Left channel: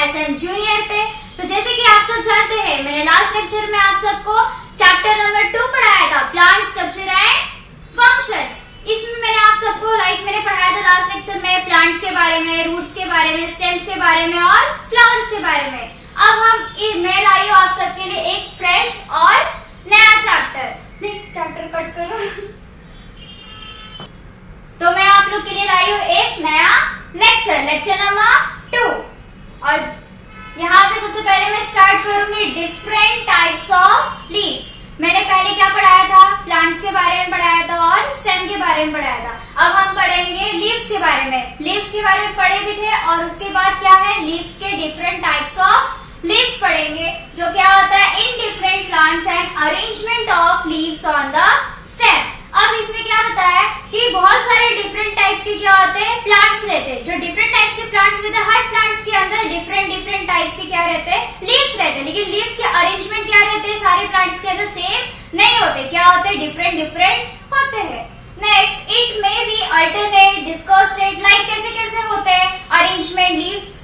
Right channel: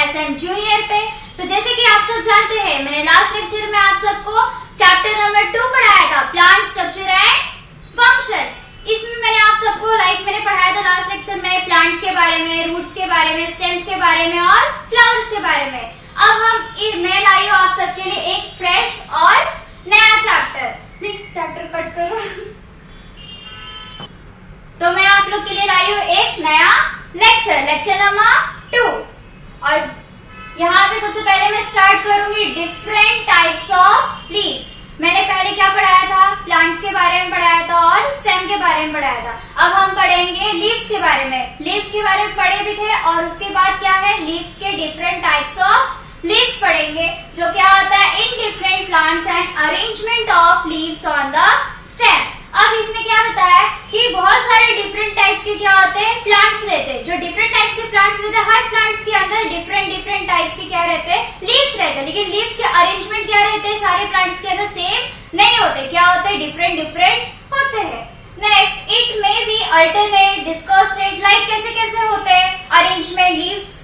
SM junior पे। तो जैसे कि आप सब जानते हैं, मैंने लास्ट लेक्चर में आप सबको चैप्टर नंबर 2 पढ़ाया था, प्लांट स्ट्रक्चर एंड फंक्शंस। इसमें मैंने आप सबको मैंने पढ़ाया था लास्ट लेक्चर में प्लांट्स के बारे में, रूट्स के बारे में, स्टेम्स के बारे में और फ्लावर्स के बारे में। अब मैं लाई हूँ आप सबके लिए एक फ्रेश और नया चैप्टर कट करो। तो मैं आप लोग के लिए लाई हूँ एक नया लेक्चर नंबर 2। और यहाँ पे सबसे पहले मैं स्टार्ट करूंगी डिफरेंट टाइप्स ऑफ लीव्स। मैंने पहले क्या पढ़ाया था, प्लांट्स के बारे में पढ़ाया था और स्टेम के बारे में पढ़ाया था। अब हम पढ़ेंगे लीव्स के बारे में। लीव्स के बारे में पढ़े भी थे और उसके बाद क्या है, लीव्स के डिफरेंट टाइप्स ऑफ लीव्स पढ़ेंगे, जो क्या होता है in different plants and arrangement of leaves on the stem. अब इसमें क्या बताया कि बहुत सारे डिफरेंट टाइप्स के क्या होते हैं, प्लांट्स रहते हैं। जो डिफरेंट टाइप्स के प्लांट्स रहते हैं, हर प्लांट्स के अंदर डिफरेंट टाइप्स के क्या रहते हैं, लीव्स रहते हैं। लेकिन लीव्स के अरेंजमेंट क्या रहते हैं, सारे प्लांट्स के अंदर सेम नहीं होते, क्या होते हैं, डिफरेंट होते हैं। Next, it may be alternate, decussated, like कैसे होते हैं arrangement, leaves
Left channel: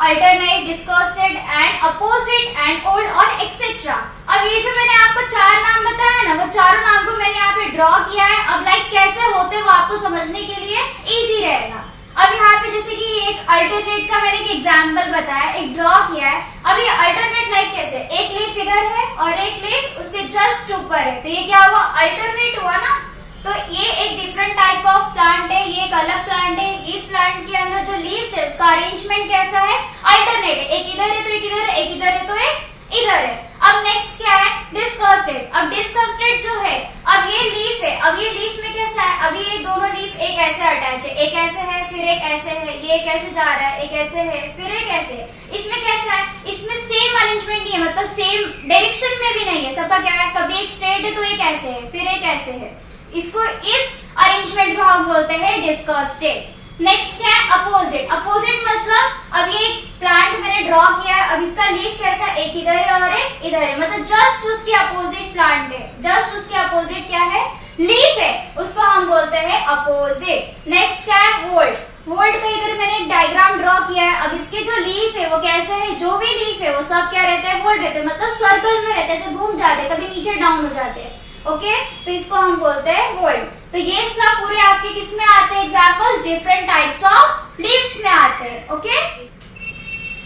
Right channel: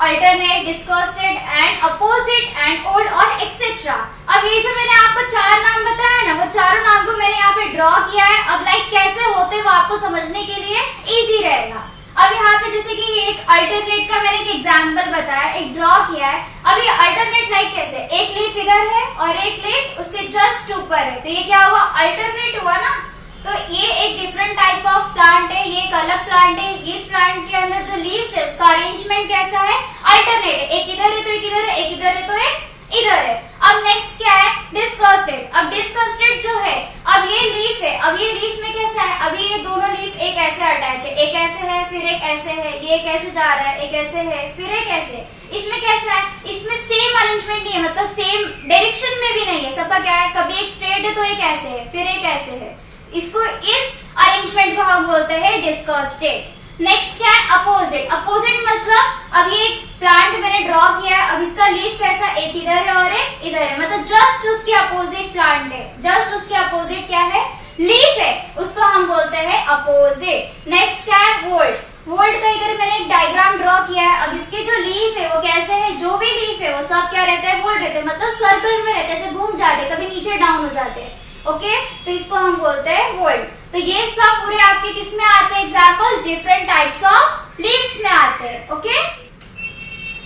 alternate, decussated and opposite and whorled और एक्सेट्रा। अब ये जो मैंने आपको 4 नाम बताया ना, वो चारों नाम को मैंने यहाँ पे ड्रॉ किया है। अब कैसे होते वो आपको समझने के लिए इजी रहेगा। अब यहाँ पे जैसे कि एक अल्टरनेट का मैंने एक एग्जाम्पल बताया, एक ड्रॉ किया है। अब ये अल्टरनेट कैसे, एक लीफ इधर है और एक लीफ उसके जस्ट ऊपर है, तो ये क्या हुआ, अल्टरनेट हुआ ना। तो ये एक डिफरेंट टाइप ऑफ प्लांट है, ये एक अलग प्लांट है। इस प्लांट के अंदर जो लीव्स है उसका अरेंजमेंट कैसा है, अल्टरनेट है, एक इधर है तो एक इधर है, एक इधर है तो एक इधर है। अब नेक्स्ट क्या है, डिस्कॉस्टेड। अब डिस्कॉस्टेड जो है, अब ये लीफ है, अब ये लीफ में कैसा है, अब ये दोनों लीफ एक ऐसे अटैच है, एक ऐसे है फिर एक ऐसे है, ये एक ऐसे जा रहा है, एक ऐसे है फिर एक ऐसे। इसमें कैसा है, इसमें सेम अरेंजमेंट नहीं है, मतलब सेम डायरेक्शन में भी नहीं है। सबका क्या है, कभी एक स्ट्रेट है तो एक ऐसे है फिर एक ऐसे है। इसको इस अरेंजमेंट को हम बोलते हैं डिस्कॉस्टेड। नेक्स्ट क्या है, अपोजिट। अपोजिट मतलब अब ये प्लांट मैंने ड्रॉ किया है, अब इसका लीफ कैसा, एक इधर है और एक इधर है, मतलब जस्ट उसके अपोजिट प्लांट है, जस्ट उसके अपोजिट क्या है, लीफ है, उसको हम बोलते हैं अपोजिट। नेक्स्ट क्या है, वोल्ट। वोल्ट का इधर मैंने एक डायग्राम ड्रॉ किया है। अब इसके जो लीफ है वो कैसे है, जो भी लीफ है वो सब क्या रहता है, वोल्ट रहते हैं, मतलब सर्कल में रहते हैं, ऐसे घूम जाते हैं, कभी नीचे डाउन हो जाते हैं। ओके, तो इसको हम बोलते हैं वोल्ट। तो ये सब पूरे आपके किस में आते हैं, examples different types of leaves में आते हैं। ओके,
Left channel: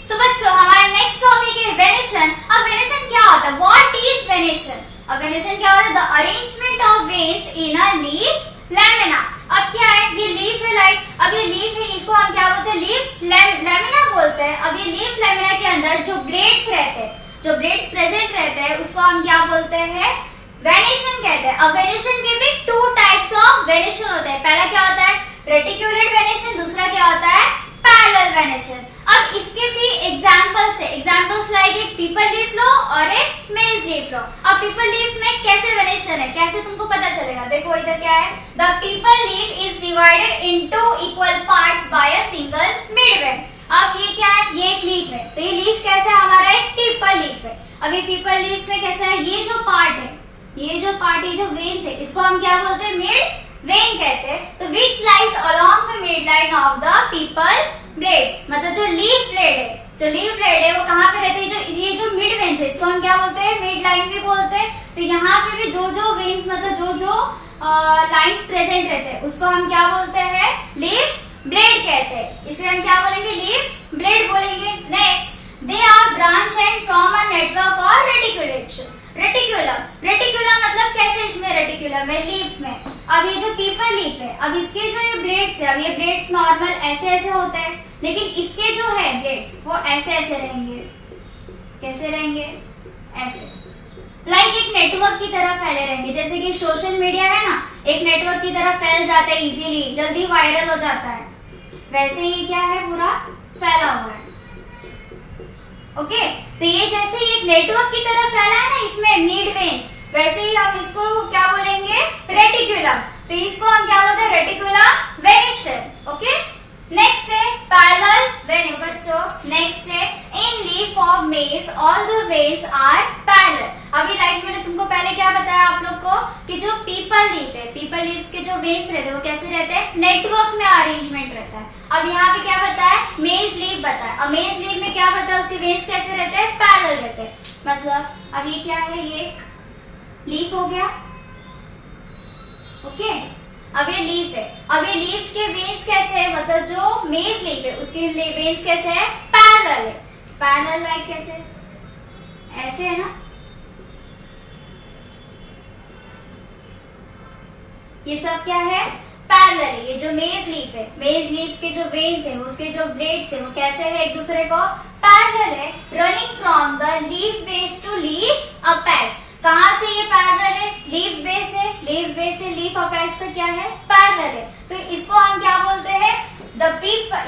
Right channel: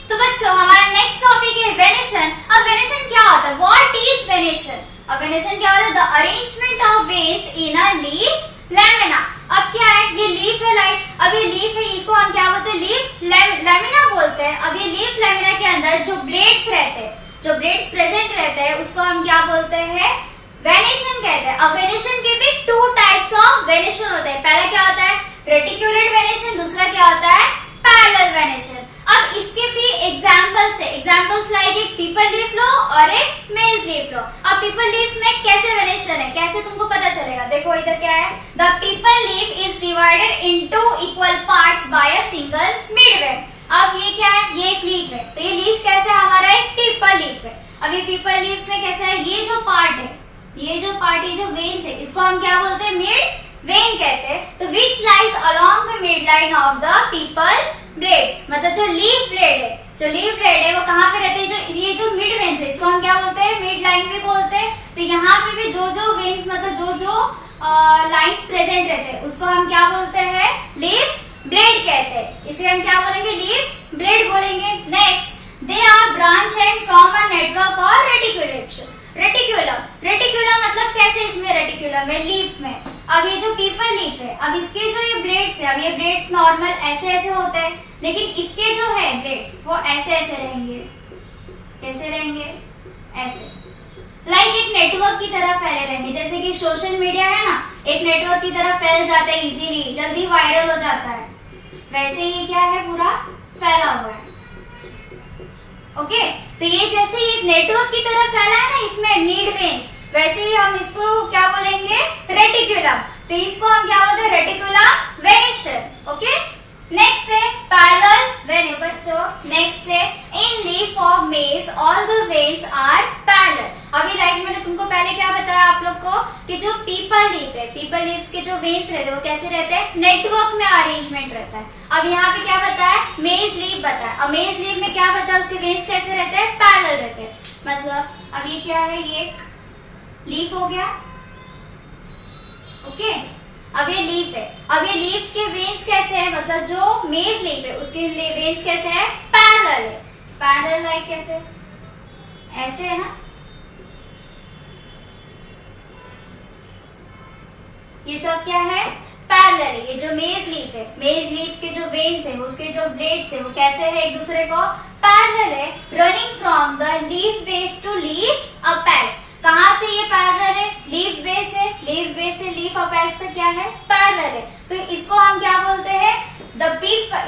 तो बच्चों हमारा नेक्स्ट टॉपिक है वेनेशन। अब वेनेशन क्या होता है, व्हाट इज वेनेशन। अब वेनेशन क्या होता है, the arrangement of veins in a leaf lamina. अब क्या है, ये लीफ है अब ये लीफ है, इसको हम क्या बोलते हैं, लीफ लैमिना बोलते हैं। अब ये लीफ लैमिना के अंदर जो ब्लेड्स रहते हैं, जो ब्लेड्स प्रेजेंट रहते हैं, उसको हम क्या बोलते हैं, वेनेशन कहते हैं। अब वेनेशन के भी 2 टाइप्स ऑफ वेनेशन होते हैं। पहला क्या होता है, रेटिकुलेट वेनेशन, दूसरा क्या होता है, पैरेलल वेनेशन। अब इसके भी एग्जांपल्स है, एग्जांपल्स लाइक एक पीपल लीफ लो और एक मेज लीफ लो। अब पीपल लीफ में कैसे वेनेशन है, कैसे तुमको पता चलेगा, देखो इधर क्या है, the people leaf is divided into equal parts bye a single mid when. अब ये क्या है, ये एक लीफ है, तो ये लीफ कैसा है, हमारा एक पीपल लीफ है। अब ये पीपल लीफ में कैसा है, ये जो पार्ट है, ये जो पार्ट है, जो वेन्स है, इसको हम क्या बोलते हैं, मिड वेन कहते हैं। तो which lies along the mid line of the people blades, मतलब जो लीफ ब्लेड है, जो लीफ ब्लेड है वो कहाँ पे रहते हैं, जो ये जो मिड वेन्स है, इसको हम क्या बोलते हैं, मिड लाइन भी बोलते हैं। तो यहाँ पे भी जो वेन्स, मतलब जो लाइन्स प्रेजेंट रहते हैं, उसको हम क्या बोलते हैं, लीफ ब्लेड कहते हैं। इसे हम क्या बोलेंगे, लीफ ब्लेड बोलेंगे। Next, they are branch and from a network और रेटिकुलेशन। रेटिकुलम मतलब कैसे, इसमें रेटिकुलम है लीफ में। अब ये जो पीपल लीफ है, अब इसके जो ये ब्लेड्स है, अब ये ब्लेड्स नॉर्मल ऐसे होते हैं, लेकिन इसके जो है ब्लेड्स वो ऐसे रहेंगे। कैसे रहेंगे, ऐसे, लाइक एक नेटवर्क की तरह फैले रहेंगे। जैसे कि सोशल मीडिया है ना, एक नेटवर्क की तरह फैल जाता है इजीली, जल्दी वायरल हो जाता है, वैसे ये क्या है, पूरा फैला हुआ है। ओके, तो ये जैसे एक नेटवर्क की तरह फैला है ना, इसमें मिड वेन्स, वैसे ही हम इसको क्या बोलेंगे, रेटिकुलम। तो इसको हम क्या बोलते हैं, रेटिकुलम वेनेशन। ओके, नेक्स्ट है पैरेलल वेन बच्चों। नेक्स्ट है in leaf of maize all the veins are parallel. अभी लाइक मैंने तुमको पहले क्या बताया आप लोग को कि जो पीपल लीफ है, पीपल लीव्स के जो वेन्स रहते हैं वो कैसे रहते हैं, नेटवर्क में अरेंजमेंट रहता है। अब यहाँ पे क्या बताया, मेज लीफ बताया। अब मेज लीफ में क्या बताया, उसके वेन्स कैसे रहते हैं, पैरेलल रहते हैं। मतलब अब ये क्या है, ये लीफ हो गया, ओके। अब ये लीफ है, अब ये लीफ के वेन्स कैसे है, मतलब जो मेज लीफ है उसके वेन्स कैसे है, पैरेलल है। पैरेलल लाइक कैसे, ऐसे है ना, ये सब क्या है, पैरेलल है। ये जो मेज लीफ है, मेज लीफ के जो वेन्स है, उसके जो ब्लेड्स है वो कैसे है, एक दूसरे को पैरेलल है, running from the leaf base to leaf apex. कहाँ से ये पैरेलल है, लीफ बेस है, लीफ बेस से लीफ अपेक्स तक क्या है, पैरेलल है। तो इसको हम क्या बोलते हैं,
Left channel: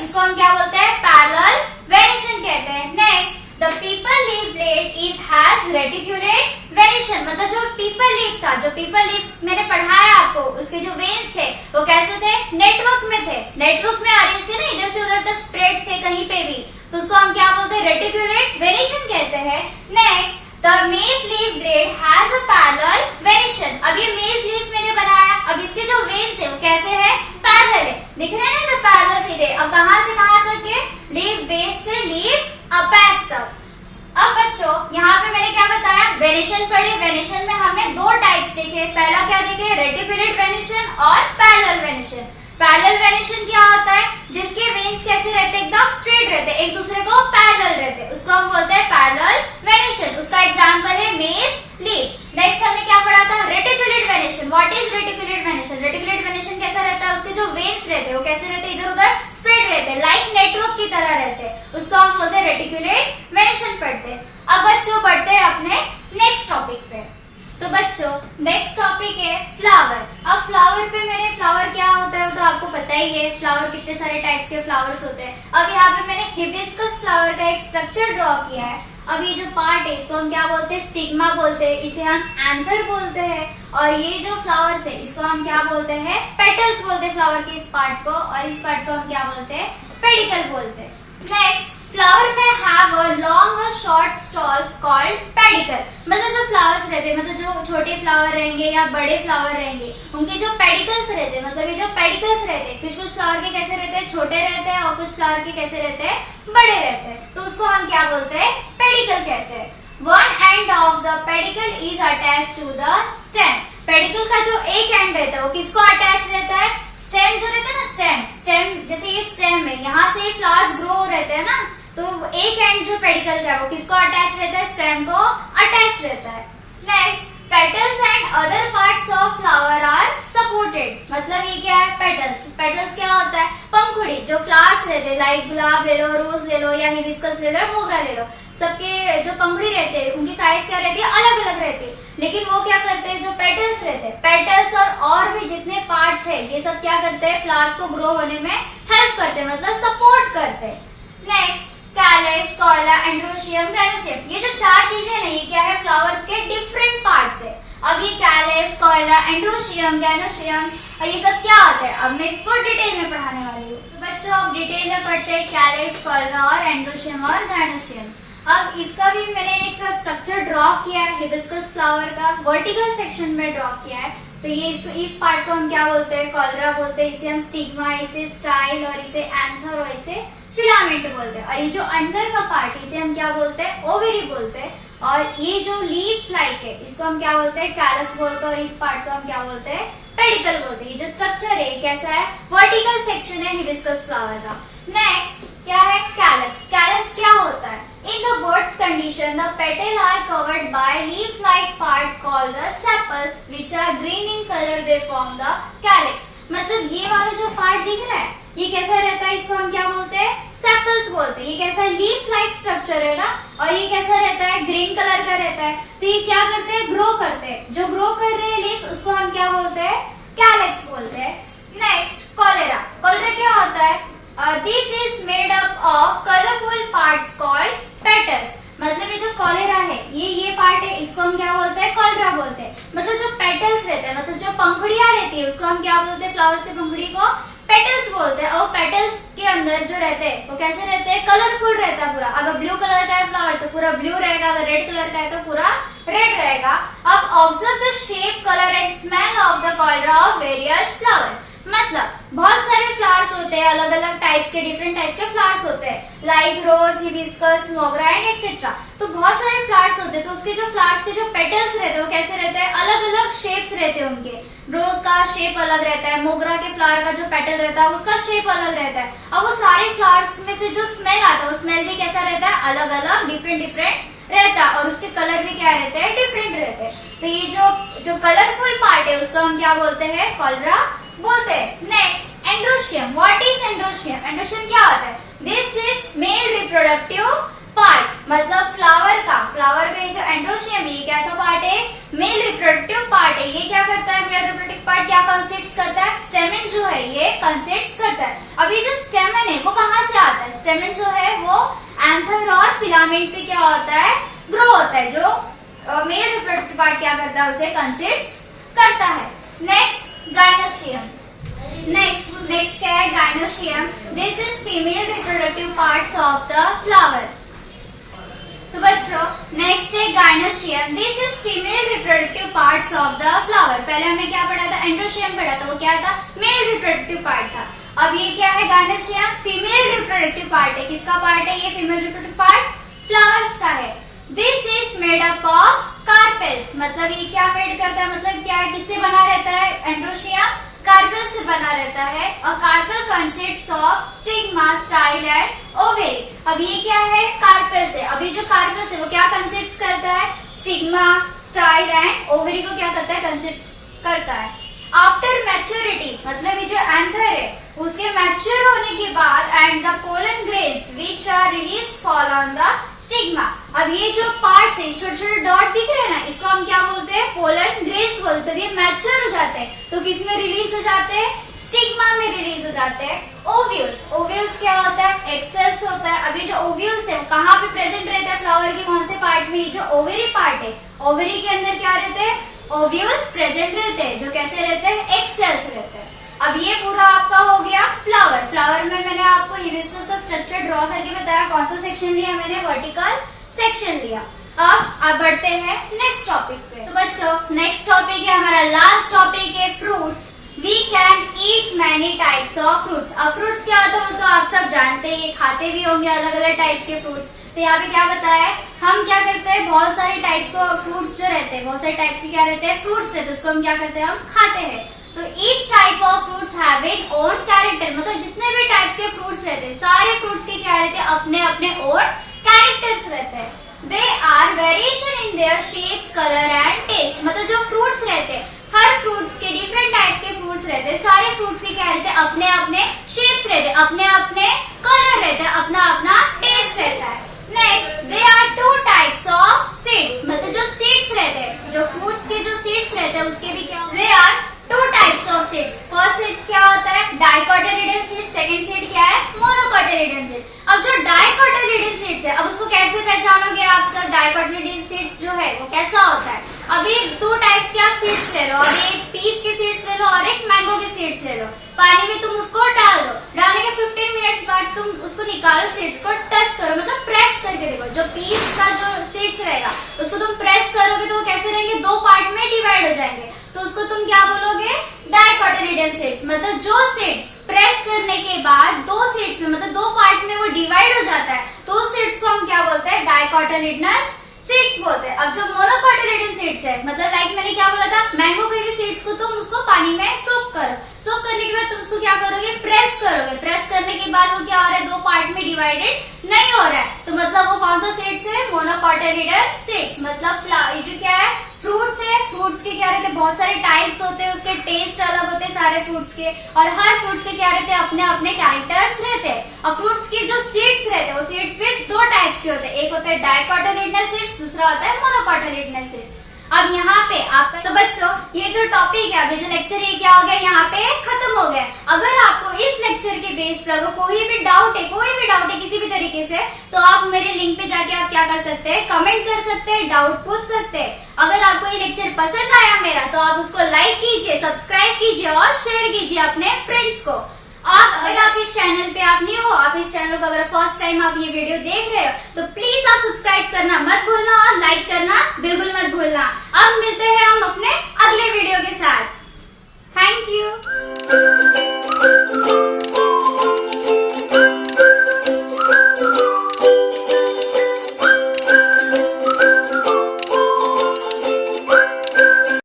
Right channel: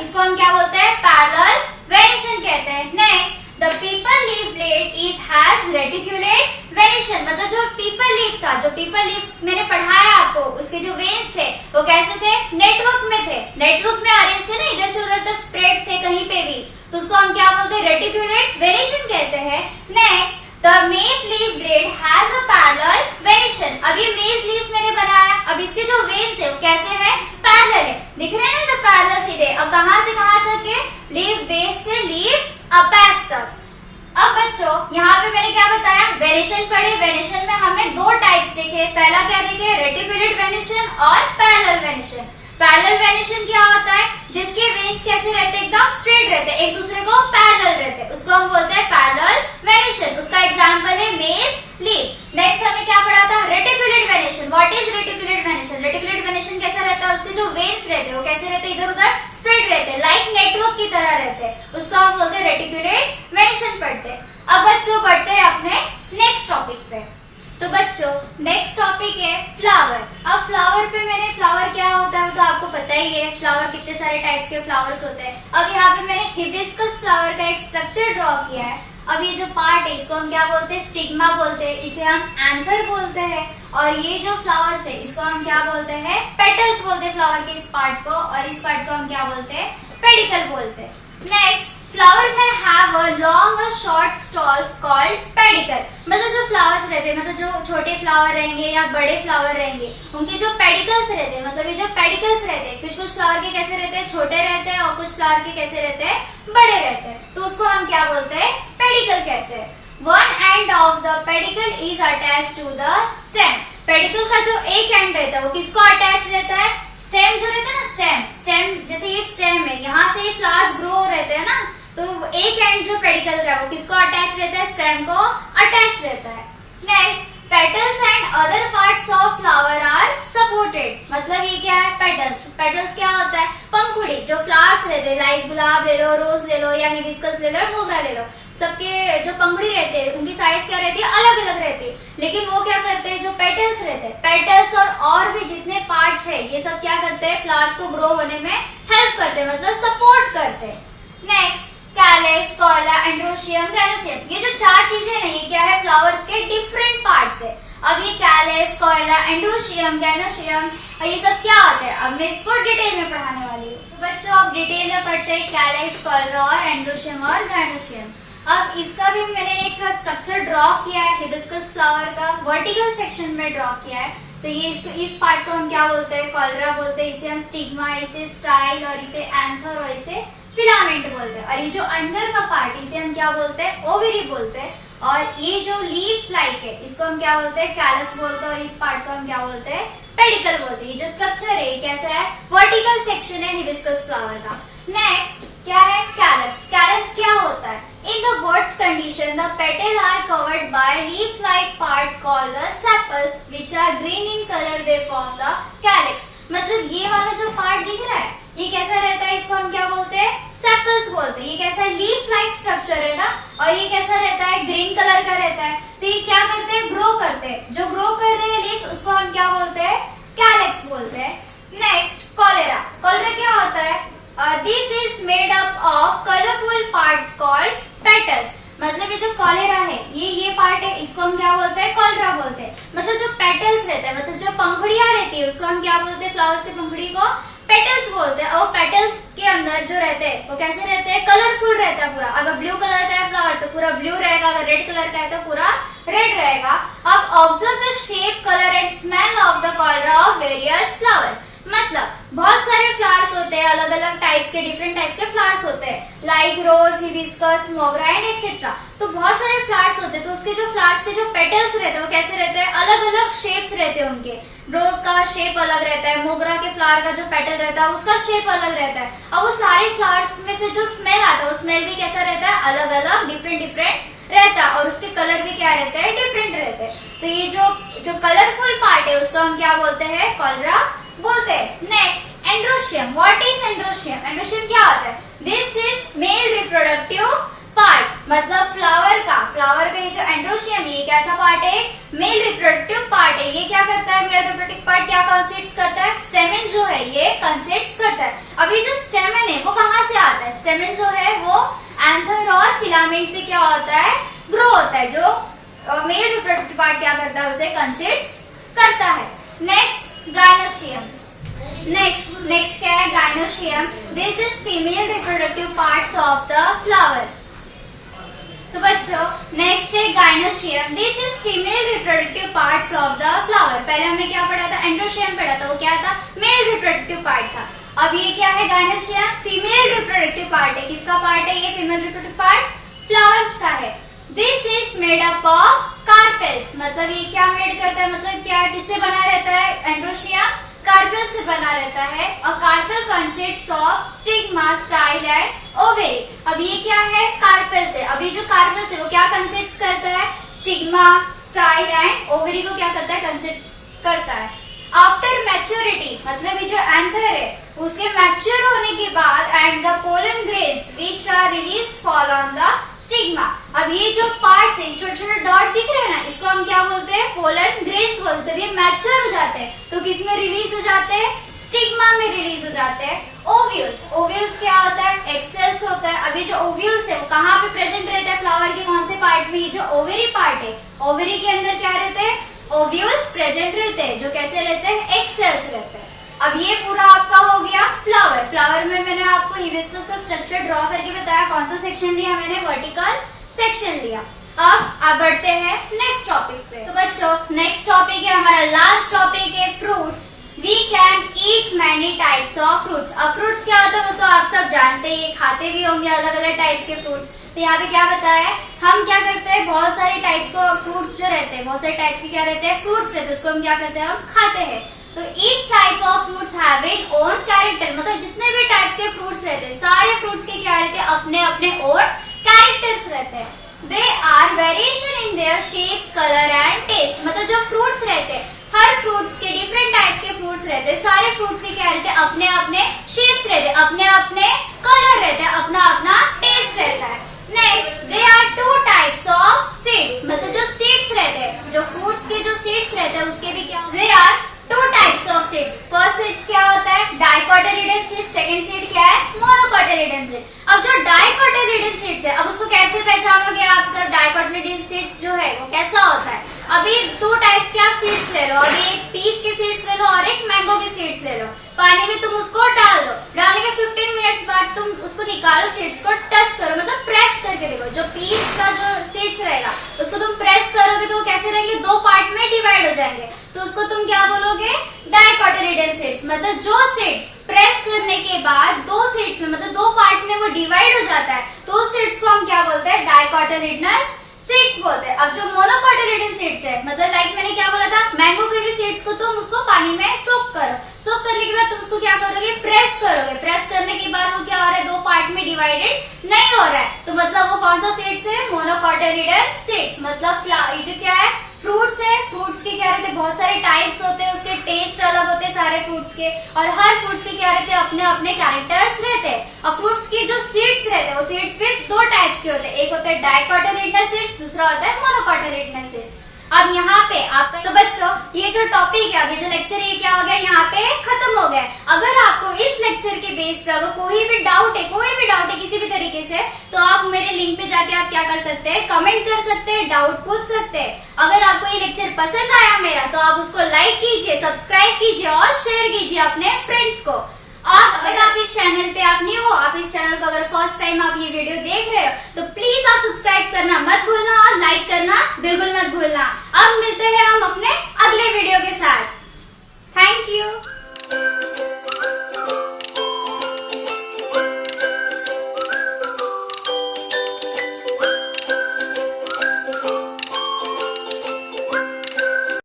इसको हम क्या बोलते हैं, पैरेलल वेनिशन कहते हैं। Next, the people leaf blade is has reticulate venation. मतलब जो पीपल लीफ था, जो पीपल लीफ मैंने पढ़ाया आपको, उसके जो वेन्स थे वो कैसे थे, नेटवर्क में थे, नेटवर्क में अरेंज थे ना, इधर से उधर तक स्प्रेड थे कहीं पे भी, तो उसको हम क्या बोलते हैं, रेटिकुलेट वेनिशन कहते हैं। नेक्स्ट, द मेज leaf blade has a parallel venation. अब ये मेज लीफ मैंने बनाया, अब इसके जो वेन्स है वो कैसे है, पैरेलल है, दिख रहे हैं ना, पैरेलल सीधे। अब कहाँ से कहाँ तक है, लीफ बेस से लीफ अपेक्स तक। अब बच्चों यहाँ पे मैंने क्या बताया, वेनिशन पढ़े। वेनिशन में हमने दो टाइप्स देखे, पहला क्या देखे, रेटिकुलेट वेनिशन और पैरेलल वेनिशन। पैरेलल वेनिशन क्या होता है, जिसके वेन्स कैसे रहते हैं, एकदम स्ट्रेट रहते हैं, एक दूसरे को पैरेलल रहते हैं, उसको हम बोलते हैं पैरेलल वेनिशन। उसका एग्जांपल है मेज लीफ। नेक्स्ट हमने क्या पढ़ा था, reticulate venation. What is reticulate venation, reticulate venation कैसा रहता है, उसके जो वेन्स रहते हैं वो कैसे रहते हैं, इधर उधर स्प्रेड रहते हैं, लाइक नेटवर्क की तरह रहते हैं, उसको हम बोलते हैं रेटिकुलेट वेनिशन पढ़ते हैं। अब बच्चों बढ़ते हैं अपने नेक्स्ट टॉपिक पे। तो बच्चों नेक्स्ट टॉपिक है फ्लावर। अब फ्लावर पे मैंने, फ्लावर क्या होता है तो आपको पता ही है, फ्लावर कितने सारे टाइप्स के फ्लावर्स होते हैं। अब यहाँ पे मैंने हिबिस्कस फ्लावर का एक स्ट्रक्चर ड्रॉ किया है। अब ये जो पार्ट है इसको हम क्या बोलते हैं, स्टिग्मा बोलते हैं, इसे हम एंथर बोलते हैं। और ये जो फ्लावर्स है इसको हम क्या बोलते हैं, पेटल्स बोलते हैं फ्लावर के इस पार्ट को, और इस पार्ट को हम क्या बोलते हैं, पेडिकल बोलते हैं। नेक्स्ट, फ्लावर में हैव अ लॉन्ग और शॉर्ट स्टॉल कॉल्ड पेडिकल। मतलब जो फ्लावर्स रहते हैं, मतलब जो छोटे फ्लावर रहेंगे या बड़े फ्लावर रहेंगे, उनके जो पेडिकल्स रहते हैं, मतलब ये जो पेडिकल्स रहते हैं, कुछ फ्लावर के कैसे रहते हैं, छोटे रहते हैं, और कुछ फ्लावर के कैसे रहते हैं, बड़े रहते हैं, तो उसको हम क्या बोलते हैं, पेडिकल कहते हैं। One end of the pedicel is attach to the stem. Pedicel का जो एक एंड रहता है वो किसको अटैच रहता है, स्टेम जो रहता है ना, स्टेम जैसे ये स्टेम है, यहाँ से फ्लावर्स ग्रो रहते हैं ना, तो एक एंड जो पेडिकल का है वो किसको अटैच रहता है, स्टेम को अटैच रहता है। Next, petals and other parts of flower are supported. मतलब ये क्या है, पेटल्स। पेटल्स क्या होता है, पंखुड़ी। जो फ्लावर्स रहते हैं, लाइक गुलाब ले लो, रोज ले लो, या हिबिस्कस ले लो, मोगरा ले लो, सबके जो पंखुड़ी रहते हैं उनकी साइज क्या रहती है, अलग अलग रहती है। लेकिन वो क्या करते हैं, जो पेटल्स रहते हैं, पेटल्स और भी जितने पार्ट्स है ये सब क्या करते हैं, फ्लावर्स को ग्रो होने में हेल्प करते हैं, मतलब सपोर्ट करते हैं। Next, calyx, corolla, androecium, gynoecium. ये जो चार चीजें ना, ये क्या है, फ्लावर्स के डिफरेंट पार्ट्स है। अब ये कैलेक्स, कॉला, एंड्रोशियम, गैनोशियम, और ये सब क्या होता है, अब मैं इसको डिटेल में पढ़ाने वाली हूँ। तो बच्चों अब डिटेल में पढ़ते हैं कैलेक्स, कॉला और एंड्रोशियम और गैनोशियम। अब इसका भी मैंने एक स्ट्रक्चर ड्रॉ किया है, हिबिस्कस फ्लावर का वर्टिकल सेक्शन में ड्रॉ किया है। तो ये इस पार्ट को हम क्या बोलते हैं, कॉलरा बोलते हैं, इसे हम स्टिग्मा, इसे स्टाइल, और इसे एंथर, और इसे फिलामेंट बोलते हैं। और ये जो अंदर का पार्ट, इसे हम क्या बोलते हैं, ओवरी बोलते हैं। और ये जो लीफ लाइक है इसको हम क्या बोलते हैं, कैलक्स बोलते हैं, और इस पार्ट को हम क्या बोलते हैं, पेडिकल बोलते हैं। ये जो स्ट्रक्चर है ये कैसा है, वर्टिकल सेक्शन है हिबिस्कस फ्लावर का। नेक्स्ट क्या है, कैलक्स। कैलक्स क्या होता है, in the bud's condition the petal are covered by leaf like part called the sepals which are green in colour, they form the calyx. मतलब ये वाला जो पार्ट दिख रहा है ये कैसा रहता है, इसको हम क्या बोलते हैं, सेपल्स बोलते हैं। ये कैसा है, लीफ लाइक स्ट्रक्चर है ना, और ये कैसा रहता है, ग्रीन कलर का रहता है। तो ये क्या करते हैं, ग्रो करते हैं। जो ग्रो कर रहे हैं लीव्स, उसको हम क्या बोलते हैं, कैलक्स बोलते हैं। Next, cholera. कॉलेरा क्या होता है, this is made up of colourful parts called petals. मतलब ये जो कॉलेरा है, ये पार्ट है, इसको हम क्या बोलते हैं, कॉलरा बोलते हैं। मतलब जो पेटल्स रहता है, मतलब जो पंखुड़ियां रहती है, उसको हम क्या बोलते हैं, फ्लावर्स के पंखुड़ी को पेटल्स बोलते हैं। और पेटल्स के अंदर जो रहते हैं वो कैसे रहते हैं, कलरफुल रहता है पूरा। अगर ब्लू कलर का है फ्लावर तो पूरा ब्लू रहेगा, अगर रेड कलर का है तो पूरा रेड रहेगा। अब observe the shape, colour and smell of the cholera of various flower. मतलब बहुत सारे फ्लावर्स होते हैं, अलग अलग टाइप्स के, डिफरेंट टाइप्स के फ्लावर्स होते हैं, लाइक रोज, हिबिस्कस, मोगरा एंड एक्सेट्रा। तो बहुत सारे फ्लावर्स होते हैं, तो उसके जो फ्लावर्स के जो पेटल्स रहते हैं वो कैसे रहते हैं, अलग अलग शेप्स रहते हैं उनके। रोज का शेप अलग रहता है, मोगरा के फ्लावर का जो पेटल रहता है उसका शेप अलग रहता है। अब वो सारे फ्लावर्स में से जो स्मेल आता है वो स्मेल भी कैसा रहता है, अलग अलग, डिफरेंट डिफरेंट रहता है, और उसके कलर भी क्या रहते हैं, डिफरेंट रहते हैं। तो ये जो कलरफुल पार्ट है उसको हम क्या बोलते हैं, कॉलरा बोलते हैं। Next, androecium. What is androecium? Androecium क्या होता है? This is male reproductive part, मतलब फ्लावर का ये जो एंड्रोशियम है ये कैसा पार्ट है, मेल रिप्रोडक्टिव पार्ट है। ये क्या करता है, मेल रिप्रोडक्टिव पार्ट क्या कंसिस्ट करता है, स्टेमन जो है ये कंसिस्ट करता है। अब ये जो स्टेमन है वो कहाँ से आता है, स्टेमन जो है वो एंथर और फिलामेंट से क्या होता है, ग्रो होता है। जो मेल रिप्रोडक्टिव पार्ट क्या करता है, उसे कंसिस्ट करता है। Next, gynoecium. नेक्स्ट क्या है, gynoecium. This is female reproductive parts of the flower. तो बच्चों नेक्स्ट है gynoecium. This is female reproductive parts of the flower. पहले हमने क्या पढ़ा था, एंड्रोशियम पढ़ा था, वो क्या था, मेल रिप्रोडक्टिव पार्ट था। अब ये क्या है, गायनोशियम, फीमेल रिप्रोडक्टिव पार्ट है। किसका पार्ट है ये फीमेल रिप्रोडक्टिव पार्ट, फ्लावर्स का है। This is made up of carpels. मतलब ये क्या मेड करता है, मतलब क्या है, किससे बना रहता है, एंड्रोशियम कार्पेल से बना रहता है। और carpel consists of stigma, style and ovary. अब ये क्या है, कार्पेल से। अभी जो कार्पेल है वो क्या कंसिस्ट करता है, स्टिग्मा, स्टाइल एंड ओवेरी को क्या करता है, कंसिस्ट करता है। आफ्टर मैच्योरिटी, मतलब ये जो एंथर है उसके मैच्योर होने के बाद, and the pollen grains which are release fall on the stigma. अब ये जो पार्ट्स है, छोटे छोटे डॉट दिख रहे हैं ना, इसको हम क्या बोलते हैं, पोलन ग्रेन्स बोलते हैं। जब ये मैच्योर हो जाते हैं तो किस में रिलीज हो जाते हैं, स्टिग्मा में रिलीज हो जाते हैं। ओव्यूल्स, ओव्यूल्स क्या होता है, एक्सेल्स होता है। अभी जो ओव्यूल्स है वो कहाँ पे प्रेजेंट रहता है, फ्लावर के कौन से पार्ट में, ये जो ओवेरी पार्ट है, ओवेरी के अंदर क्या रहते हैं, ओव्यूल्स प्रेजेंट रहते हैं, जो कैसे रहते हैं, एक्सेल्स रहते हैं। अब ये पूरा आपका हो गया फ्लावर। फ्लावर में मैंने आपको हिबिस्कस का स्ट्रक्चर ड्रॉ करके बताया, कौन सा सेक्शन लिया मैंने, वर्टिकल सेक्शन लिया। अब आप बढ़ते हैं नेक्स्ट टॉपिक पे। तो बच्चों नेक्स्ट टॉपिक है हमारा लास्ट टॉपिक है fruits. We can eat many types of fruits. अब फ्रूट्स क्या होता है वो तो आप सब जानते ही, खाते भी होंगे अलग अलग टाइप्स के फ्रूट्स। तो यहाँ पे क्या बताया है, हम क्या करते हैं, बहुत सारे टाइप्स को फ्रूट्स जो रहते हैं, बहुत सारे टाइप्स के क्या रहते हैं, फ्रूट्स रहते हैं, उसको हम क्या करते हैं, हम खाते हैं। तो each type of fruits have it own character. मतलब जितने भी टाइप्स के फ्रूट्स रहते हैं, सारे फ्रूट्स के क्या रहते हैं, अपने अपने ओन कैरेक्टर्स रहते हैं। They are variation in their shapes, colour and taste. मतलब जो फ्रूट्स रहते हैं, हर फ्रूट्स के डिफरेंट टाइप्स के फ्रूट्स रहते हैं, सारे फ्रूट्स के क्या रहते हैं, अपने अपने शेप्स रहते हैं, अपने अपने कलर रहते हैं, अपना अपना टेस्ट रहता है। Next, they are two types of seeds. मतलब जो सीड्स रहते हैं, जो फ्रूट्स के जो सीड्स रहते हैं उसके भी क्या, they are two types of seeds. First seeds क्या होता है, डाइकोटिलिडन सीड। सेकंड सीड क्या है, मोनोकोटिलिडन सीड। अब जो डाइकोटिलिडन सीड्स है, अब उसको कैसे पहचानोगे आप सब, डाइकोटिलिडन सीड्स जो है वो कैसा होता है। अभी टू टाइप्स के आप सीड्स ले लो, अभी एक पीस के सीड्स ले लो और एक मैंगो के सीड्स ले लो। पानी में तुम उसको डाल दो, डालने के 15 मिनट्स बाद तुम उसको निकालो, सीड्स को टच करो, मतलब प्रेस करके देखो। जो पीस का जो सीड्स रहेगा उसको तुम प्रेस करोगे तो वो कैसे रहेंगे, दो पार्ट में डिवाइड हो जाएंगे। तो उसको तुम क्या बोलोगे, डाइकोटिलिडन सीड्स। मतलब जो सीड्स प्रेस करने के बाद दो सीड्स में, मतलब दो पार्ट में वो डिवाइड हो जाता है, तो उस सीड्स को हम क्या बोलते हैं, डाइकोटिलिडनस सीड्स बोलते हैं। अब जो मोनोकोटिलिडन सीड्स है, मतलब लाइक मैंने क्या बोला था, मैंगो के भी सीड्स को तुम उसको पानी में सोक करो, सोक करने के बाद तुम उसको क्या करोगे, प्रेस करोगे। प्रेस करने के बाद वो क्या हो रहा है, दो पार्ट में डिवाइडेड नहीं हो रहा है, तो मतलब वो कौन सा सीड्स है, मोनोकोटिलिडन सीड्स। मतलब ये जो क्या है, फ्रूट्स है, फ्रूट्स के क्या रहते हैं, बहुत सारे टाइप्स होते हैं, उसके टेस्ट अलग होते हैं सारे फ्रूट्स के, और हर फ्रूट्स के क्या रहते हैं, अपने अपने कैरेक्टर्स रहते हैं। और फ्रूट्स के जो सीड्स रहते हैं वो सीड्स फिर दो टाइप्स के होते हैं, एक होता है डाइकोटिलिडनस सीड्स, दूसरा होता है मोनोकोटिलिडनस सीड्स। अब यहाँ पे आपका, तो बच्चों ये जो टॉपिक है, अभी जो लेक्चर ये क्या हो गया, यहाँ पे खत्म हो गया। अगर आपको इस लेक्चर के बेस पे अगर कोई भी डाउट है किसी भी तरीके से, तो आप मेरे लिंक पे जाके आप क्या कर सकते हैं, कमेंट कर सकते हैं, डाउट पूछ सकते हैं। अगर आपको ये लेक्चर पसंद आया मेरा, तो आप उसको लाइक कीजिए, सब्सक्राइब कीजिए और शेयर कीजिए अपने फ्रेंड्स को। अगर आप इस चैनल पे आप न्यू हो, आप इस चैनल को अगर फर्स्ट टाइम आप ये वीडियो देख रहे हो तो प्लीज आप सब्सक्राइब करना मत भूलना और लाइक करना बिल्कुल मत भूलना। अब मिलते हैं हम अपने अगले वीडियो के साथ। Thank you.